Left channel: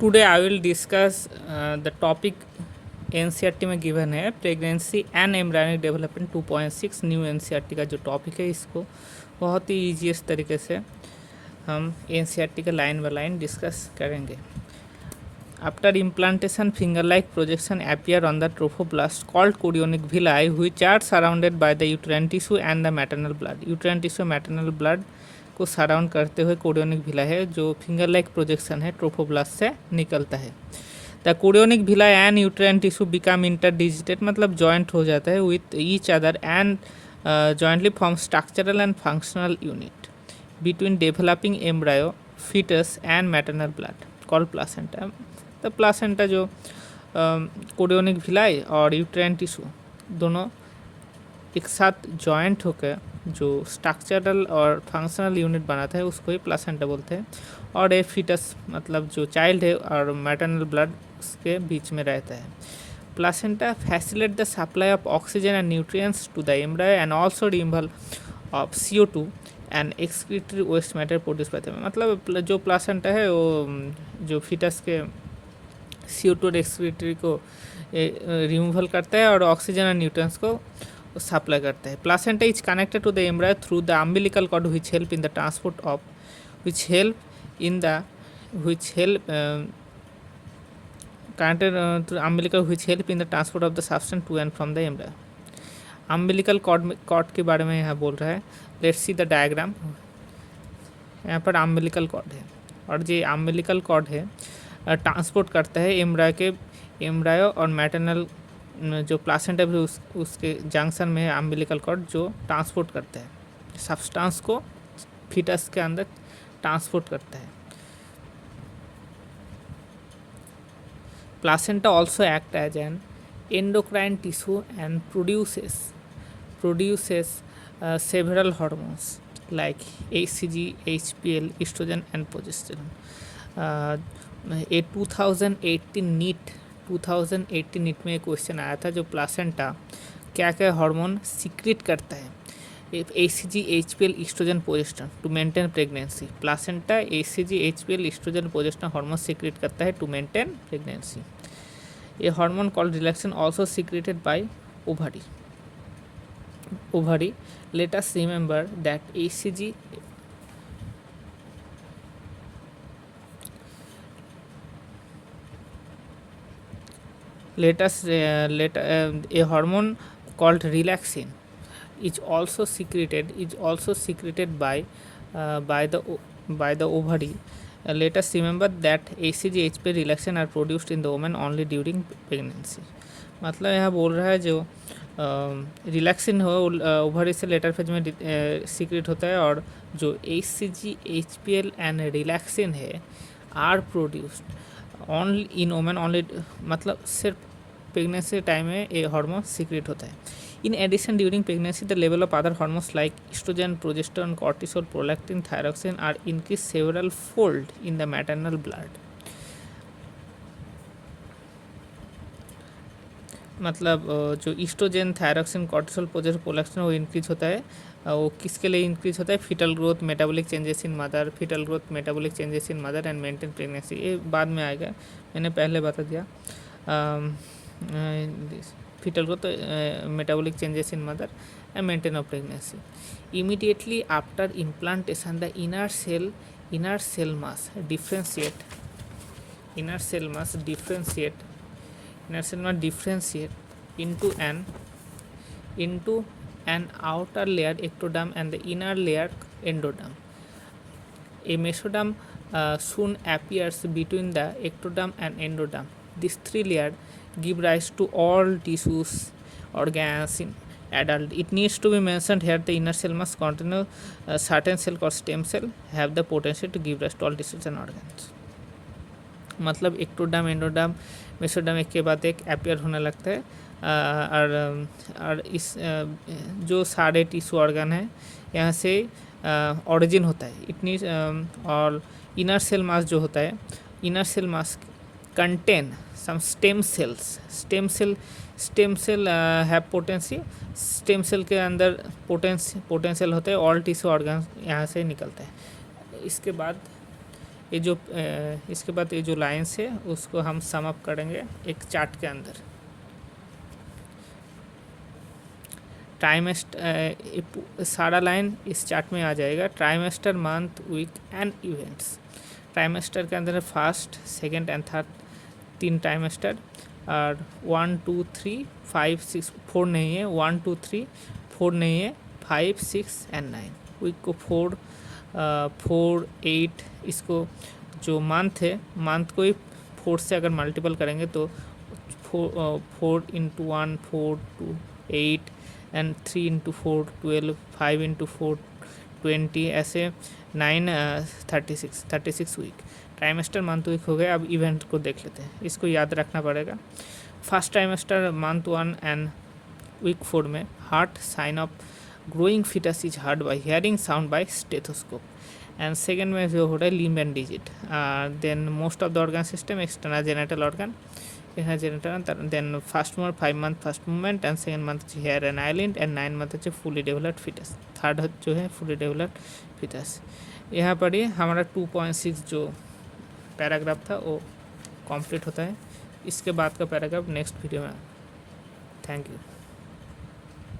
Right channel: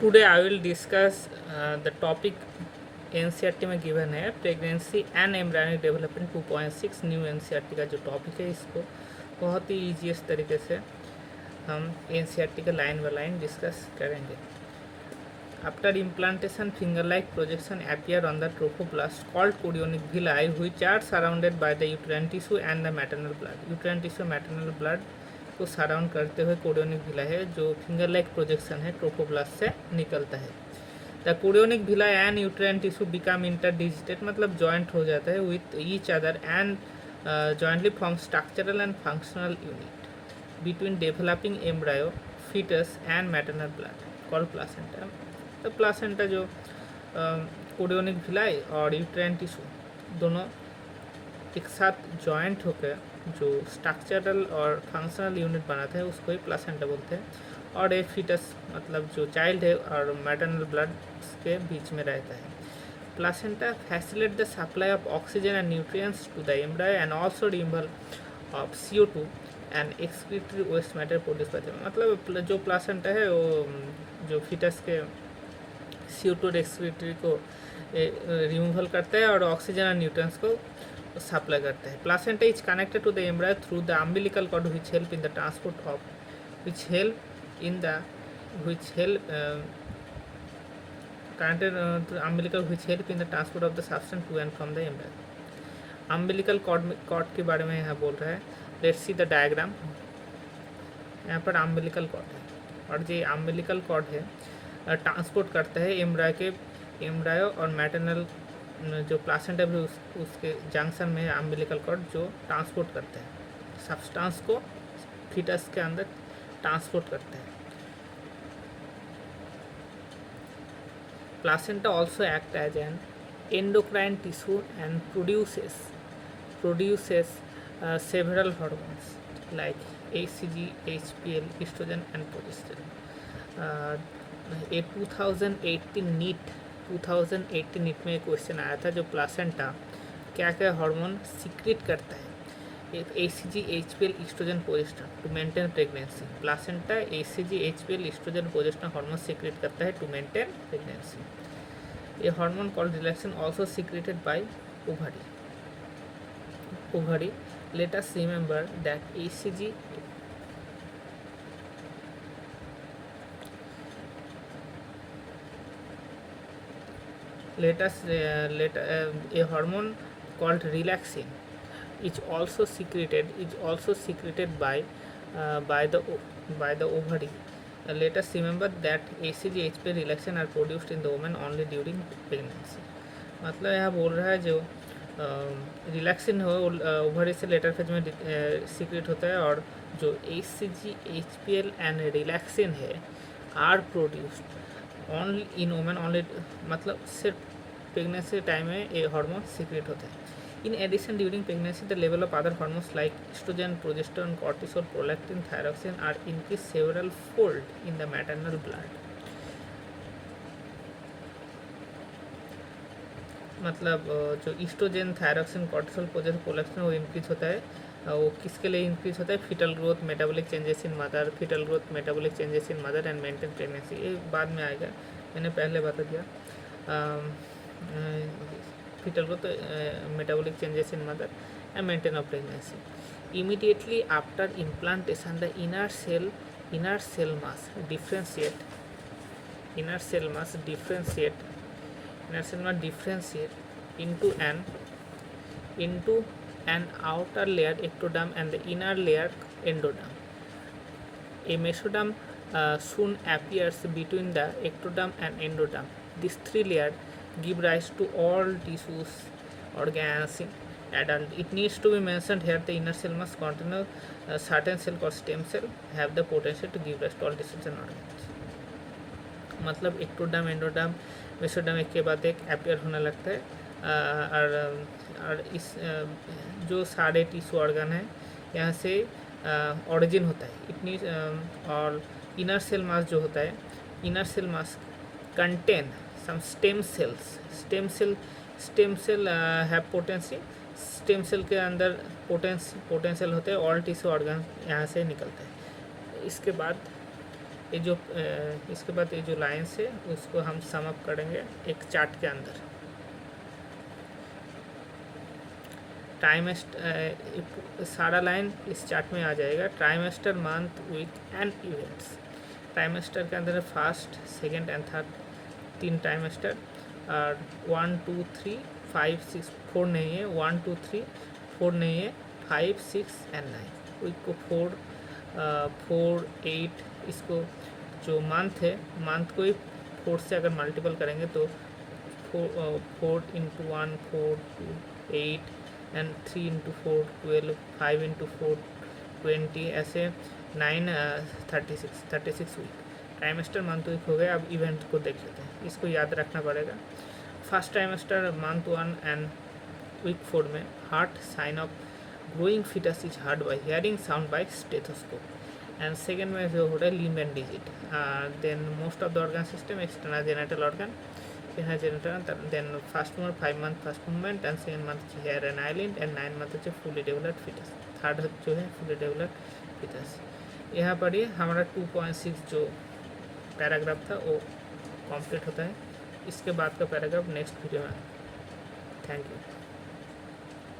Today I will discuss the topic NCERT में given है pregnancy and embryonic development 2.6 new NCERT का जो topic है इसको बहुत ही ईजीएस्ट तरीके से हम एनसीईआरटी का लाइन बाय लाइन डिस्कस करेंगे. After implantation, finger-like projection appear on the trophoblast called chorionic villi, which are surrounded by the uterine tissue and the maternal blood. Uterine tissue maternal blood को surround करते हुए chorionic villi है जो finger like projection है trophoblast से निकलता है. The chorionic villi and uterine tissue become interdigitated मतलब जॉइंट हो जाता है with each other and jointly form structural and functional unit between developing embryo foetus and maternal blood called placenta. तो placenta जो कोरियोनिक विलाई और uterine tissue दोनों एक साथ जॉइंट होकर जो स्ट्रक्चरल और फंक्शनल यूनिट बनाता है उसको ही प्लासेंटा बोलते हैं. और ये फीटस मतलब जो चाइल्ड है और मैटरनल ब्लड के बीच में रहता है. Placenta facilitate the supply of oxygen and nutrients to the embryo and also removal of CO2 and excretory waste matter produce करते हैं. मतलब जो प्लासेंटा है वो जो फीटस के CO2 और एक्सक्रीटरी को रिमूवल करता है और ऑक्सीजन और न्यूट्रिएंट्स को सप्लाई करता है. Placenta is connected to the embryo through the umbilical cord which help in the transport of connected to umbilical which help in the transport of the substance to and from the embryo. Umbilical cord के बारे में यहाँ बोल रहा है. Let's see the diagram. यहाँ पर umbilical cord है और ये अम्बिलिकल कॉर्ड है ट्रांसपोर्ट करता है एम्ब्रायो और मैटरनल जो प्लासेंटा भी उसके जंक्शन में है अम्बिलिकल कॉर्ड जो ट्रांसपोर्ट करता है सब्सटेंस को फीटस के अंदर ट्रांसपोर्ट करता है. Placenta also act as an endocrine tissue and produces several hormones like HCG, HPL, estrogen and progesterone. A 2018 NEET में एक क्वेश्चन आया था जो प्लासेंटा क्या क्या हार्मोन सीक्रेट करता है. HCG, HPL, estrogen, progesterone to maintain pregnancy. Placenta HCG, HPL, estrogen, progesterone hormone secrete करता है to maintain pregnancy. A hormone called relaxin also secreted by ovary. Let us remember that HCG a hormone called relaxin is also secreted by the ovary. Let us remember that HCG, HPL, relaxin are produced in the woman only during pregnancy. मतलब यहाँ बोल रहा है जो relaxin हो ovary से later phase में secret होता है और जो HCG, HPL एंड रिलैक्सिन है are produced only in women only मतलब सिर्फ प्रेगनेंसी टाइम में ये हार्मोन सीक्रेट होता है. In addition during pregnancy the level of other hormones like oestrogen, progesterone, cortisol, prolactin, thyroxine are increase several fold in the maternal blood. मतलब जो oestrogen, thyroxine, cortisol, prolactin वो increase होता है. वो किसके लिए इंक्रीज होता है? Foetal growth, metabolic changes in mother, foetal growth, metabolic changes in mother and maintain pregnancy. ये बाद में आएगा, मैंने पहले बता दिया. Foetal growth, metabolic changes in mother and maintain of pregnancy. Immediately after implantation the inner cell must differentiate into an outer layer ectoderm and the inner layer endoderm. A mesoderm soon appears between the ectoderm and endoderm. These three layers give rise to all tissues, organs in adult. It needs to be mentioned here the inner cell must contain certain cell called stem cell have the potential to give rise to all tissues and organs. मतलब ectoderm, endoderm, mesoderm एक के बाद एक appear होने लगता है. और इस जो सारे टिश्यू ऑर्गन है यहाँ से ओरिजिन होता है. इतनी और इनर सेल मास जो होता है, inner cell mass contain some stem cell have potency. Stem cell के अंदर पोटेंशियल होते हैं. ऑल टिश्यू ऑर्गन यहाँ से निकलता है. इसके बाद ये जो इसके बाद ये जो लाइन्स है उसको हम सम अप करेंगे एक चार्ट के अंदर। ट्राइमेस्टर सारा लाइन इस चार्ट में आ जाएगा। Trimester, month, week and events. Trimester के अंदर first, second and third 3 trimester, और 1 2 3 5 6 4 नहीं है, 1 2 3 4 नहीं है, 5 6 एंड 9। वीक को 4 8, इसको जो मंथ है मंथ को ही 4 से अगर मल्टीपल करेंगे तो 4 इंटू 1 4 2 8 एंड 3 इंटू 4 12, 5 इंटू 4 20, ऐसे 9 36 वीक। ट्राइमेस्टर, मंथ, वीक हो गया। अब इवेंट को देख लेते हैं, इसको याद रखना पड़ेगा। First trimester month 1 and week 4 में heart sign of growing fetus is heard by hearing sound by stethoscope. And second में जो हो रहा है limb and digit. Then most of the organ system external genital organ, then first month 5 month first movement and second month hair and eyelid and 9 month হচ্ছে fully developed fetus. Third जो है fully developed foetus. यहाँ पर ही हमारा 2.6 जो paragraph था वो complete होता है। इसके बाद का पैराग्राफ नेक्स्ट वीडियो में। Thank you.